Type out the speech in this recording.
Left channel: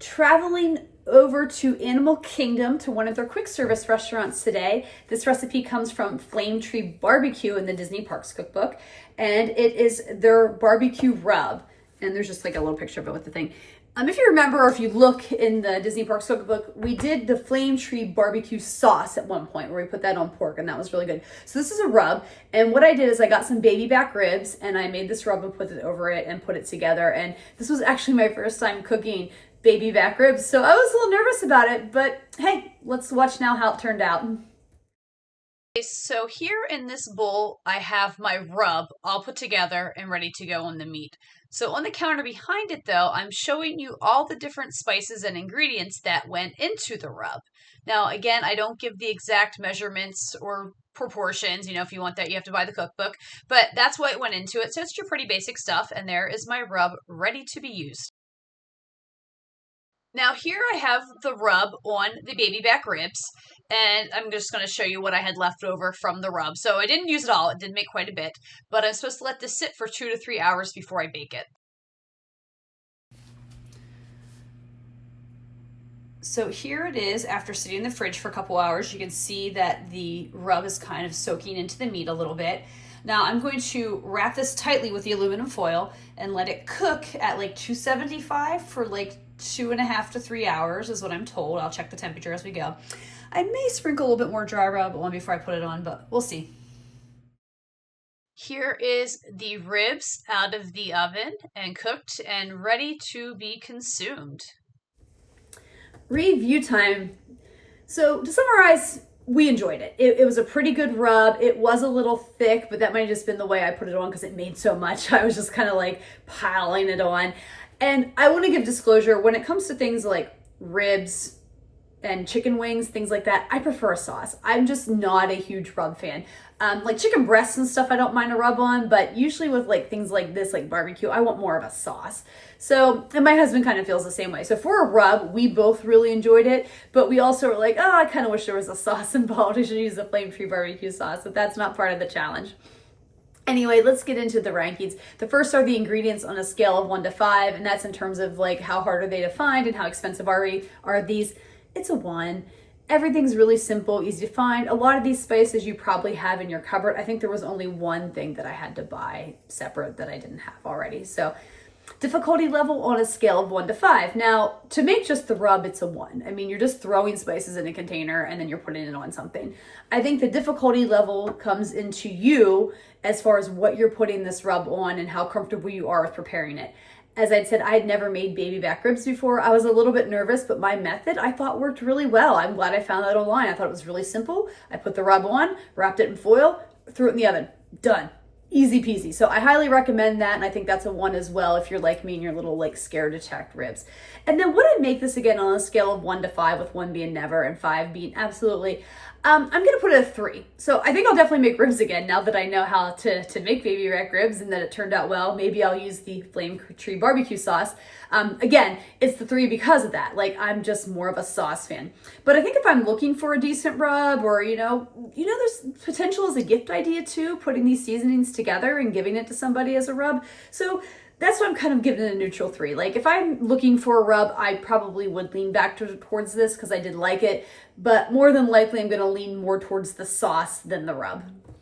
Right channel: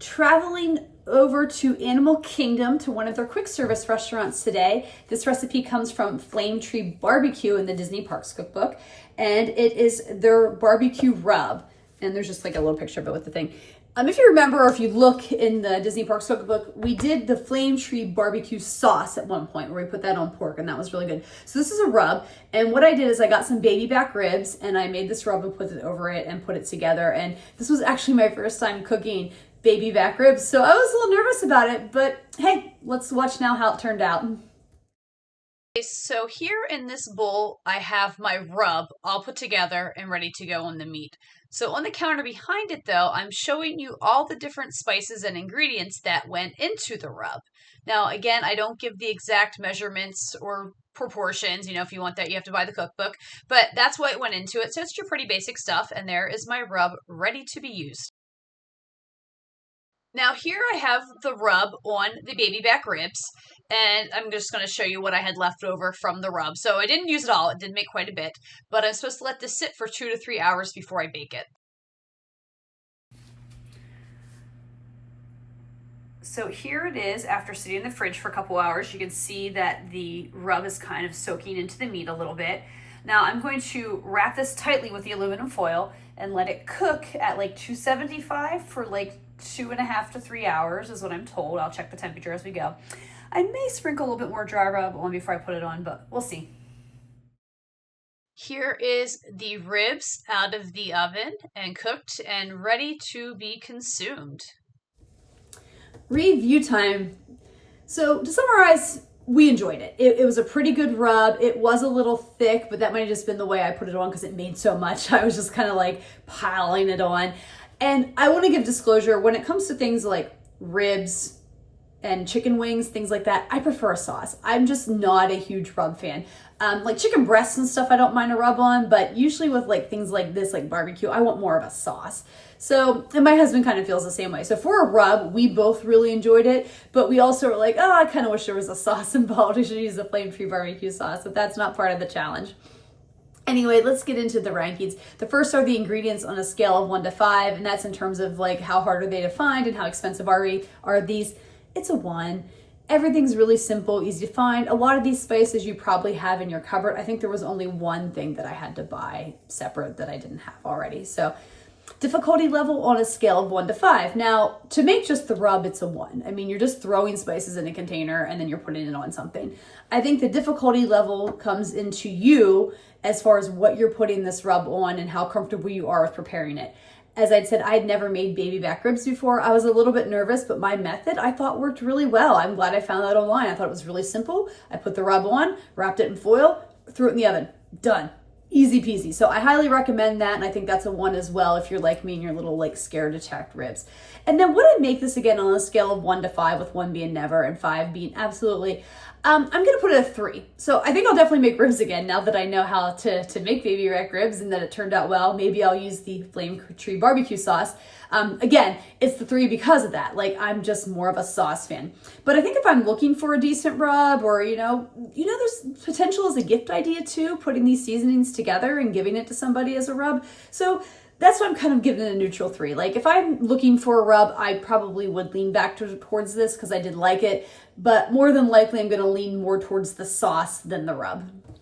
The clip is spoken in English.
traveling over to Animal Kingdom to one of their quick service restaurants today. This recipe comes from Flame Tree BBQ in the Disney Parks Cookbook, and it is their barbecue rub. And there's just like a little picture of it with the thing. If you remember, or if you look in the Disney Parks Cookbook, we did the Flame Tree barbecue sauce at one point where we put that on pork, and that was really good. So this is a rub, and what I did is I got some baby back ribs, and I made this rub and put it over it and put it together. And this was actually my first time cooking baby back ribs, so I was a little nervous about it, but hey, let's watch now how it turned out. So here in this bowl, I have my rub all put together and ready to go on the meat. So on the counter behind it though, I'm showing you all the different spices and ingredients that went into the rub. Now again, I don't give the exact measurements or proportions. You know, if you want that, you have to buy the cookbook, but that's what went into it. So it's your pretty basic stuff, and there is my rub ready to be used. Now here I have the rub on the baby back ribs, and I'm just going to show you what I had left over from the rub. So I didn't use it all, it did make quite a bit, but I'm supposed to let this sit for 2 to 3 hours before I bake it. So here it is after sitting in the fridge for a couple hours. You can see that the rub is kind of soaking into the meat a little bit. Now I'm going to wrap this tightly with the aluminum foil and let it cook at like 275 for like 2.5 to 3 hours is what I'm told. I'll check the temperature as we go. I may sprinkle a little bit more dry rub on before I put it on, but we'll see. Here is the ribs out of the oven and cooked and ready to be consumed. Review time. So to summarize, we enjoyed it. It was a pretty good rub. It was a little thick, but that might have just been the way I put it on because it made so much. I was just kind of like piling it on. And I want to give disclosure, when it comes to things like ribs and chicken wings, things like that, I prefer a sauce. I'm just not a huge rub fan. Like chicken breasts and stuff, I don't mind a rub on, but usually with like things like this, like barbecue, I want more of a sauce. So, and my husband kind of feels the same way. So for a rub, we both really enjoyed it, but we also were like, oh, I kind of wish there was a sauce involved. We should use the Flame Tree barbecue sauce, but that's not part of the challenge. Anyway, let's get into the rankings. The first are the ingredients on a scale of 1 to 5, and that's in terms of like how hard are they to find and how expensive are these. It's a 1. Everything's really simple, easy to find. A lot of these spices you probably have in your cupboard. I think there was only one thing that I had to buy separate that I didn't have already. So difficulty level on a scale of 1 to 5. Now, to make just the rub, it's a 1. I mean, you're just throwing spices in a container and then you're putting it on something. I think the difficulty level comes into you as far as what you're putting this rub on and how comfortable you are with preparing it. As I said, I'd never made baby back ribs before. I was a little bit nervous, but my method I thought worked really well. I'm glad I found that online. I thought it was really simple. I put the rub on, wrapped it in foil, threw it in the oven. Done. Easy peasy. So I highly recommend that, and I think that's a 1 as well if you're like me and you're a little like scared to check ribs. And then would I make this again on a scale of 1 to 5, with 1 being never and 5 being absolutely? I'm gonna put it a 3. So I think I'll definitely make ribs again now that I know how to make baby back ribs and that it turned out well. Maybe I'll use the Flame Tree barbecue sauce. Again, it's the 3 because of that. Like, I'm just more of a sauce fan. But I think if I'm looking for a decent rub, or there's potential as a gift idea too, putting these seasonings together and giving it to somebody as a rub. So that's why I'm kind of giving it a neutral 3. Like, if I'm looking for a rub, I probably would lean back towards this because I did like it, but more than likely I'm going to lean more towards the sauce than the rub.